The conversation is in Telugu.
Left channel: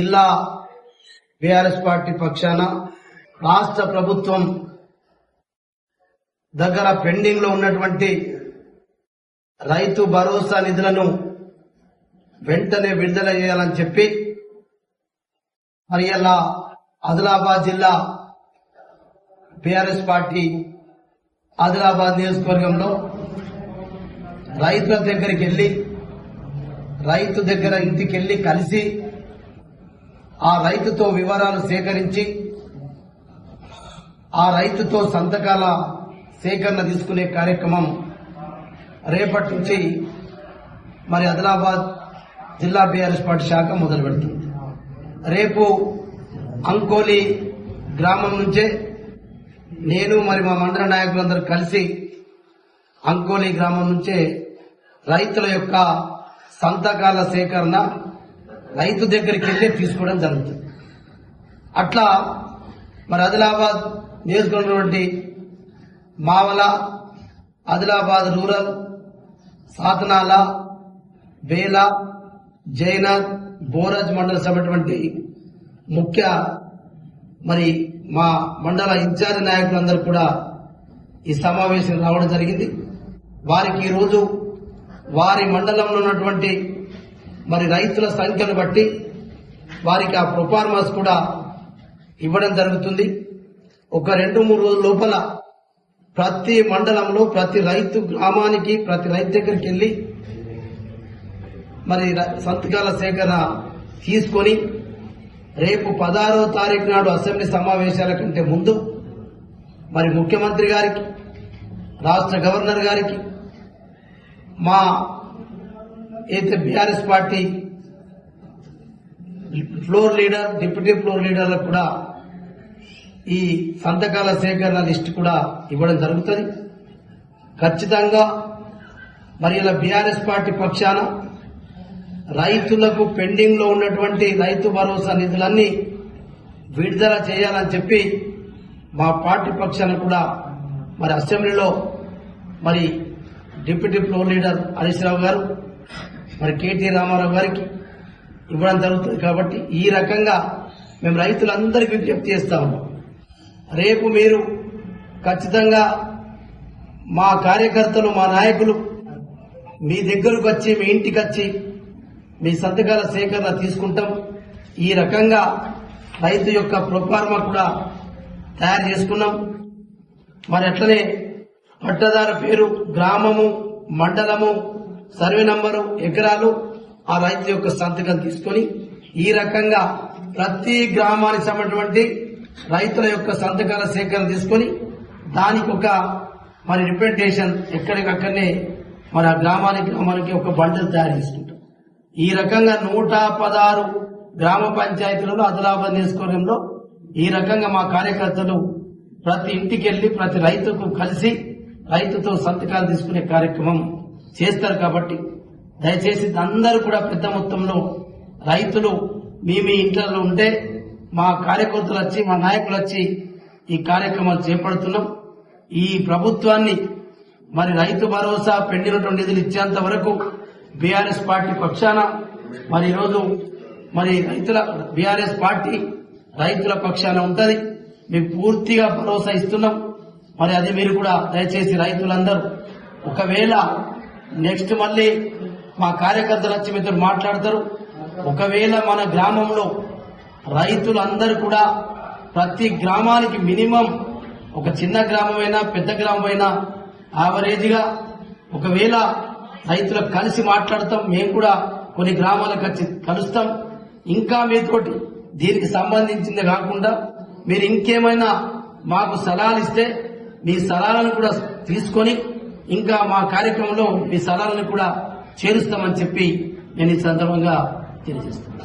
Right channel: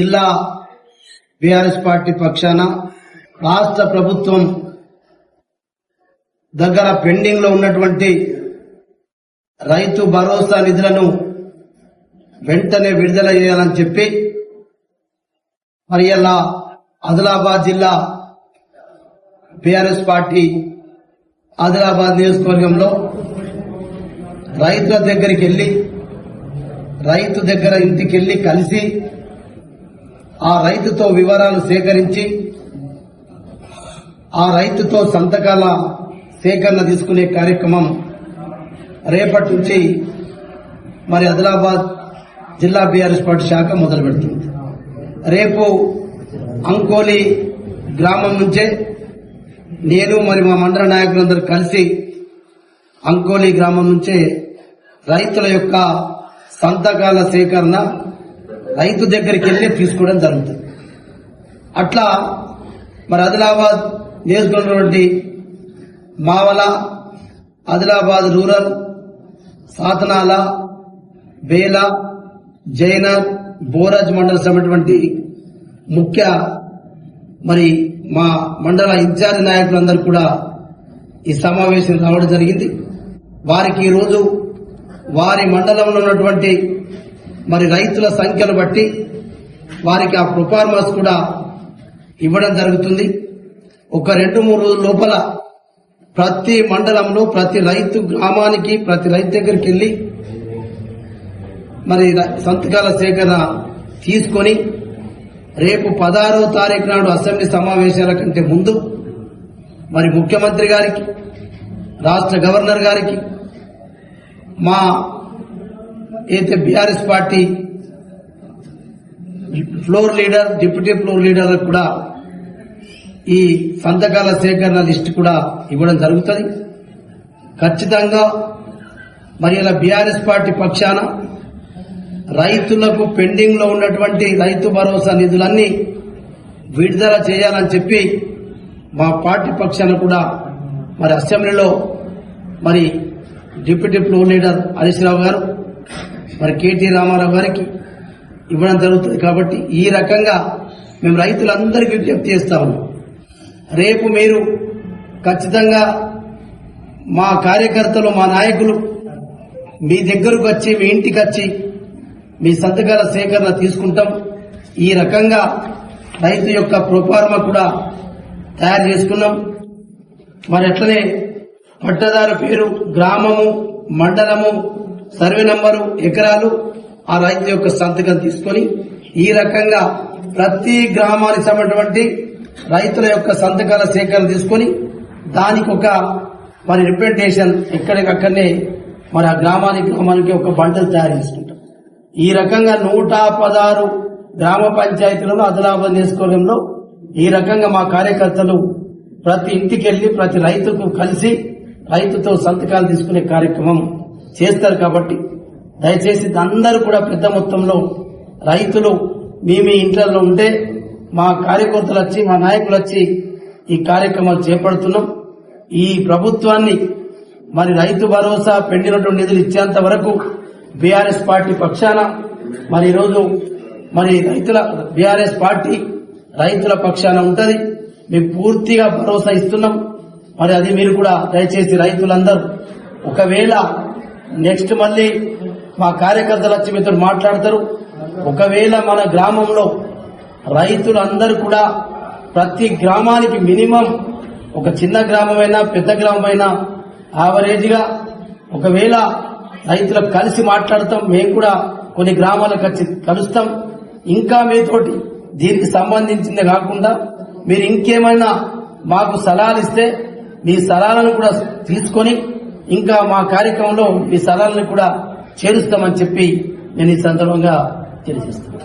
జిల్లా బీఆర్ఎస్ పార్టీ పక్షాన రాష్ట్ర ప్రభుత్వం దగ్గర పెండింగ్ లో ఉన్నటువంటి రైతు భరోసా నిధులను వెంటనే విడుదల చేయాలని చెప్పి మరి ఇలా ఆదిలాబాద్ జిల్లా బీఆర్ఎస్ పార్టీ ఆదిలాబాద్ నియోజకవర్గంలో రైతుల దగ్గరికి వెళ్లి రైతు దగ్గర ఇంటికి వెళ్లి కలిసి ఆ రైతుతో వివరాలు సేకరించి ఆ రైతుతో సంతకాల సేకరణ తీసుకునే కార్యక్రమం రేపటి నుంచి మరి ఆదిలాబాద్ జిల్లా బీఆర్ఎస్ పార్టీ శాఖ మొదలు పెడుతుంది. రేపు అంకోలి గ్రామం నుంచే నేను మరి మా మండల నాయకులందరూ కలిసి అంకోలి గ్రామం నుంచే రైతుల యొక్క సంతకాల సేకరణ రైతు దగ్గరికి వెళ్లి తీసుకోవడం జరుగుతుంది. అట్లా మరి ఆదిలాబాద్ నియోజకవర్గంలోని మావల, ఆదిలాబాద్ రూరల్, సాతనాల, బేల, జైనాథ్, బోరాజ్ మండల సమైనటువంటి ముఖ్య మరి మా మండల ఇన్ఛార్జ్ నాయకులందరూ కూడా ఈ సమావేశం రావడం జరిగింది. వారికి ఈరోజు వారి మండలంలో ఉన్నటువంటి మరి రైతుల సంఖ్యను బట్టి వారికి ఆ ప్రొఫార్మాస్ కూడా ఇవ్వడం జరుగుతుంది. ఒక 2-3 రోజుల లోపల ప్రతి మండలంలో ప్రతి రైతు గ్రామానికి ప్రతి రైతు దగ్గరికి వెళ్లి మరి సంతకాల సేకరణ తీసుకొని రేపు 16వ తారీఖు నాడు అసెంబ్లీ సమావేశాల కంటే ముందు మరి ముఖ్యమంత్రి గారికి, రాష్ట్ర గవర్నర్ గారికి, మా అయితే BRS party floor leader, deputy floor లీడర్లకు కూడా ఈ సంతకాల సేకరణ లిస్టు కూడా ఇవ్వడం జరుగుతుంది. ఖచ్చితంగా మరి ఇలా బీఆర్ఎస్ పార్టీ పక్షాన రైతులకు పెండింగ్ లో ఉన్నటువంటి రైతు భరోసా నిధులన్నీ విడుదల చేయాలని చెప్పి మా పార్టీ పక్షాన కూడా మరి అసెంబ్లీలో మరి deputy floor leader Harish Rao గారు, మరి కేటీ రామారావు గారికి ఇవ్వడం జరుగుతుంది. కాబట్టి ఈ రకంగా మేము రైతులందరికీ విజ్ఞప్తి చేస్తా ఉన్నాం. రేపు మీరు ఖచ్చితంగా మా కార్యకర్తలు, మా నాయకులు మీ దగ్గరకు వచ్చి, మీ ఇంటికి వచ్చి మీ సంతకాల సేకరణ తీసుకుంటాం. ఈ రకంగా రైతు యొక్క ప్రొఫార్మా కూడా తయారు చేసుకున్నాం. మరి అట్లనే పట్టదారు పేరు, గ్రామము, మండలము, సర్వే నంబరు, ఎకరాలు, ఆ రైతు యొక్క సంతకం తీసుకొని ఈ రకంగా ప్రతి గ్రామానికి సంబంధించినటువంటి రైతుల యొక్క సంతకాల సేకరణ తీసుకొని దానికి ఒక మరి రిప్రజెంటేషన్ ఎక్కడికక్కడనే మరి ఆ గ్రామానికి ఒక బండలు తయారు చేసుకుంటాం. ఈ రకంగా 116 గ్రామ పంచాయతీలలో ఆదిలాబాద్ నియోజకవర్గంలో ఈ రకంగా మా కార్యకర్తలు ప్రతి ఇంటికి వెళ్లి ప్రతి రైతుకు కలిసి రైతుతో సంతకాలు తీసుకునే కార్యక్రమం చేస్తారు. కాబట్టి దయచేసి అందరూ కూడా పెద్ద మొత్తంలో రైతులు మీ ఇంట్లలో ఉంటే మా కార్యకర్తలు వచ్చి, మా నాయకులు వచ్చి ఈ కార్యక్రమాలు చేపడుతున్నాం. ఈ ప్రభుత్వాన్ని మరి రైతు భరోసా పెండినటువంటి నిధులు ఇచ్చేంత వరకు బీఆర్ఎస్ పార్టీ పక్షాన మరి ఈరోజు మరి బీఆర్ఎస్ పార్టీ రైతుల పక్షాన ఉంటది. మీకు పూర్తిగా భరోసా ఇస్తున్నాం. మరి అది మీరు కూడా దయచేసి రైతులందరూ ఒకవేళ నెక్స్ట్ మళ్ళీ మా కార్యకర్తలు వచ్చి మీతో మాట్లాడతారు. ఒకవేళ మన గ్రామంలో రైతులందరూ కూడా ప్రతి గ్రామానికి మినిమం ఒక చిన్న గ్రామమైనా పెద్ద గ్రామమైనా యావరేజ్ గా ఒకవేళ రైతులకు కలిసి మాట్లాడతాం. మేము కూడా కొన్ని గ్రామాలకు వచ్చి కలుస్తాం. ఇంకా మీతోటి దీనికి సంబంధించిందే కాకుండా మీరు ఇంకేమైనా మాకు సలహాలు ఇస్తే మీ సలహాలను కూడా తీసుకొని ఇంకా మా కార్యక్రమంలో మీ సలహాలను కూడా చేరుస్తామని చెప్పి నేను ఈ సందర్భంగా తెలియజేస్తున్నాను.